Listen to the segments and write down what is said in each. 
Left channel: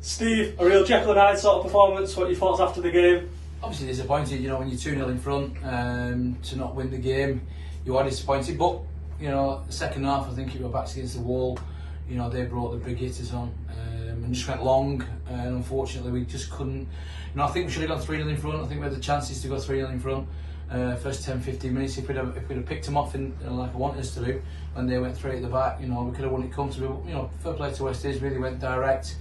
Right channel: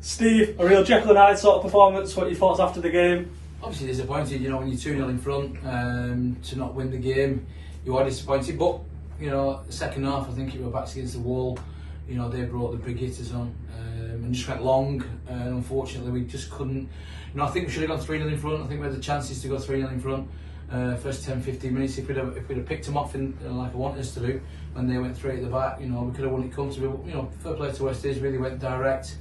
Steve, a real Jekyll and Hyde sort of performance. What are your thoughts after the game? Obviously disappointed, when you're 2-0 in front, to not win the game, you are disappointed. But, the second half, I think it was backs against the wall. They brought the big hitters on and just went long. And unfortunately, we just couldn't. I think we should have gone 3-0 in front. I think we had the chances to go 3-0 in front. First 10-15 minutes, if we'd have picked them off like I wanted us to do, when they went straight at the back, we could have won it comfortably. Fair play to West Didsbury, they went direct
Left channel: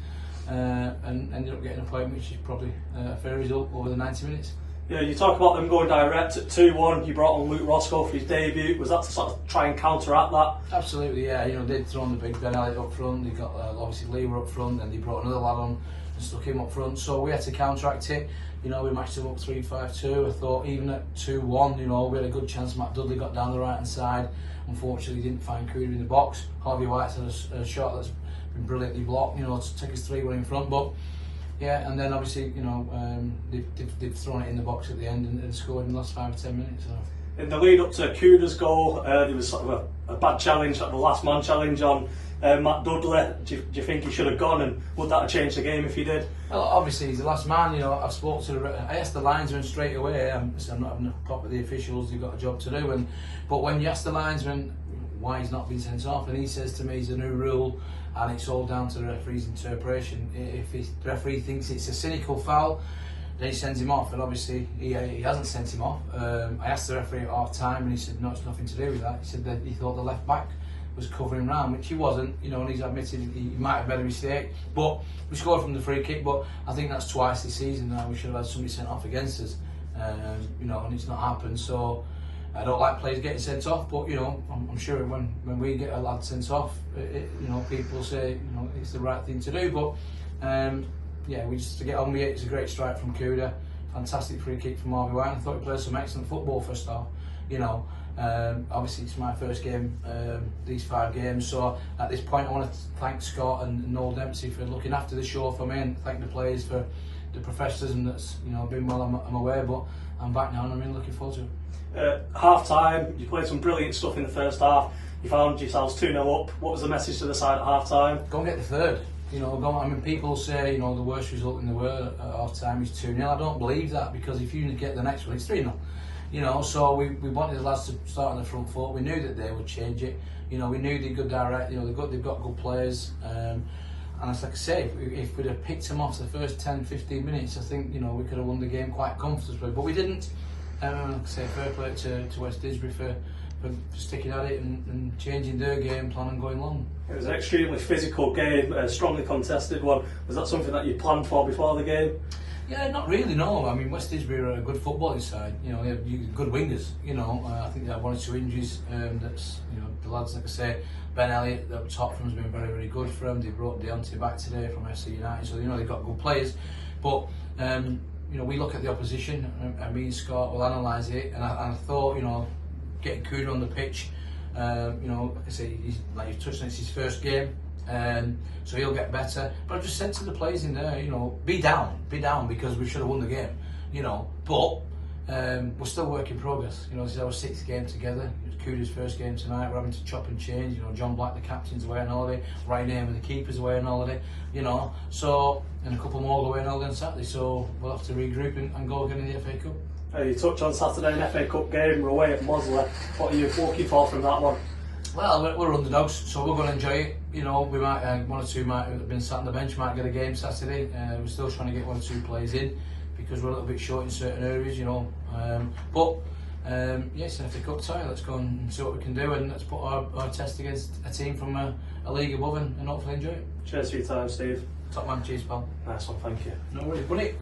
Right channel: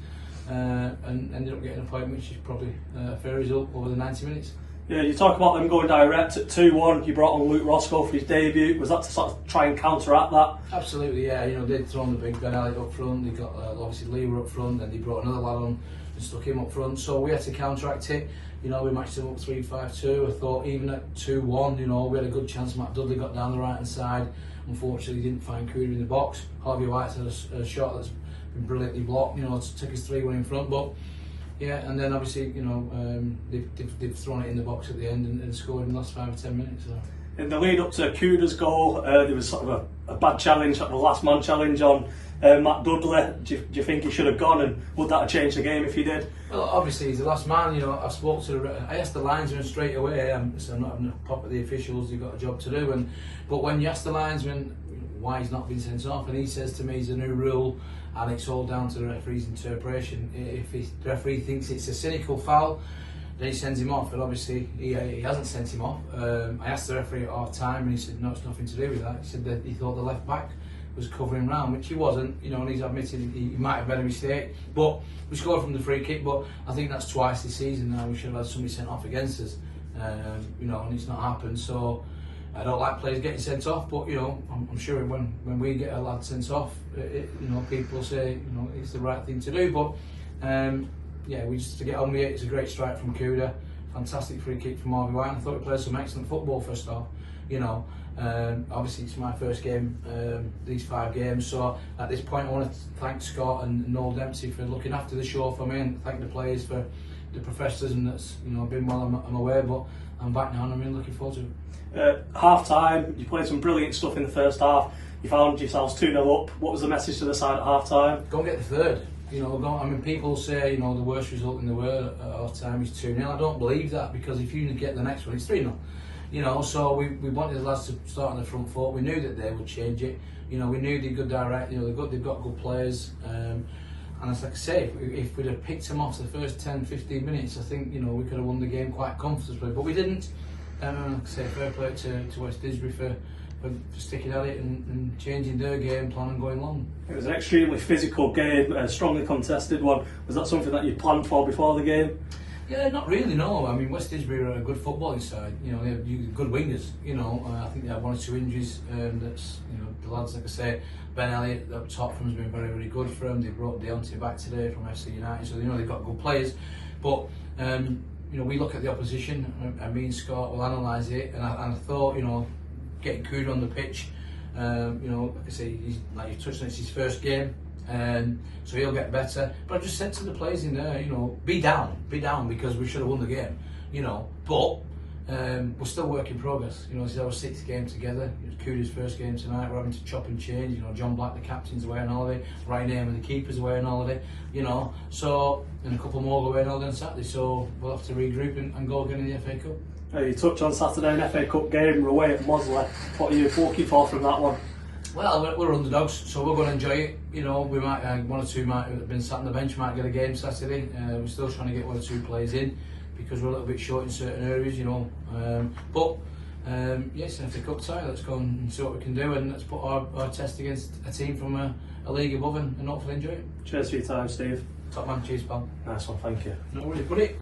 and ended up getting a point, which is probably a fair result over the 90 minutes. Yeah, you talk about them going direct at 2-1. You brought on Luke Roscoe for his debut. Was that to sort of try and counteract that? Absolutely, yeah. They'd thrown the big Ben Elliott up front. They got obviously Lee were up front, and they brought another lad on and stuck him up front. So we had to counteract it. We matched them up 3-5-2. I thought even at 2-1, we had a good chance. Matt Dudley got down the right hand side. Unfortunately, he didn't find Cooder in the box. Harvey White's had a shot that's been brilliantly blocked. Took us 3-1 in front, but. Yeah, and then obviously, they've thrown it in the box at the end and scored in the last 5 or 10 minutes. So. In the lead up to Cooder's goal, there was sort of a bad challenge, like the last man challenge on Matt Dudley. Do you think he should have gone, and would that have changed the game if he did? Well, obviously he's the last man. I asked the linesman straight away. So I'm not having a pop at the officials. They've got a job to do. But when you ask the linesman why he's not been sent off, and he says to me, it's a new rule. And it's all down to the referee's interpretation. If the referee thinks it's a cynical foul, then he sends him off. And obviously, he hasn't sent him off. I asked the referee at half time, and he said, no, it's nothing to do with that. He said that he thought the left back was covering round, which he wasn't. And he's admitted he might have made a mistake. But we scored from the free kick. But I think that's twice this season now. We should have had somebody sent off against us. And it's not happened. So. I don't like players getting sent off, but I'm sure when we get a lad sent off, people say it's the right thing to do. But we just to get on with it. It's a great strike from Cooder, fantastic free kick from Harvey White. I thought he played some excellent football first half. Obviously it's my first game these 5 games, so at this point I want to thank Scott and Noel Dempsey for looking after the show for me, and thank the players for the professionalism that's been well. I'm aware, but I'm back now and I'm really looking forward to it. Half time, you played some brilliant stuff in the first half. You found yourselves 2-0 up. What was the message to the side at half time? Go and get the third. People say the worst result in the world at half time is 2-0. I don't believe that, because if you get the next one, it's 3-0. So we wanted the lads to start on the front foot. We knew that they would change it. We knew they'd go direct. They've got good players. And as I say, if we'd have picked them off the first 10-15 minutes, I think we could have won the game quite comfortably. But we didn't. Like I say, fair play to West Didsbury for sticking at it and changing their game plan and going long. It was an extremely physical game, a strongly contested one. Was that something that you planned for before the game? Yeah, not really, no. West Didsbury are a good footballing side. They have good wingers. I think they have 1 or 2 injuries. That's the lads, like I say, Ben Elliott up top from has been very, very good for them. They brought Deontay back today from FC United, so they've got good players. But we look at the opposition, and me and Scott will analyse it. And I thought, getting Cooder on the pitch, like I say, he's like you've touched on, it's his first game. So he'll get better. But I just said to the players in there, be down, because we should have won the game, But we're still work in progress. This is our 6th game together. It's Cooder's first game tonight. We're having to chop and change. John Black, the captain's away on holiday. Ryan Eamon, the keeper's away on holiday. So and a couple more away on holiday on Saturday. So we'll have to regroup and go again in the FA Cup. You touched on Saturday, an FA Cup game. We're away at Mosley. What are you looking for from that one? Well, we're underdogs, so we're going to enjoy it. We might 1 or 2 might have been sat on the bench, might get a game Saturday. We're still trying to get 1 or 2 players in, because we're a little bit short in certain areas, But it's an FA Cup tie. Let's go and see what we can do, and let's put our test against a team from a league above and hopefully enjoy it. Cheers for your time, Steve. Top man, cheers, pal. Nice one, thank you. No worries, buddy.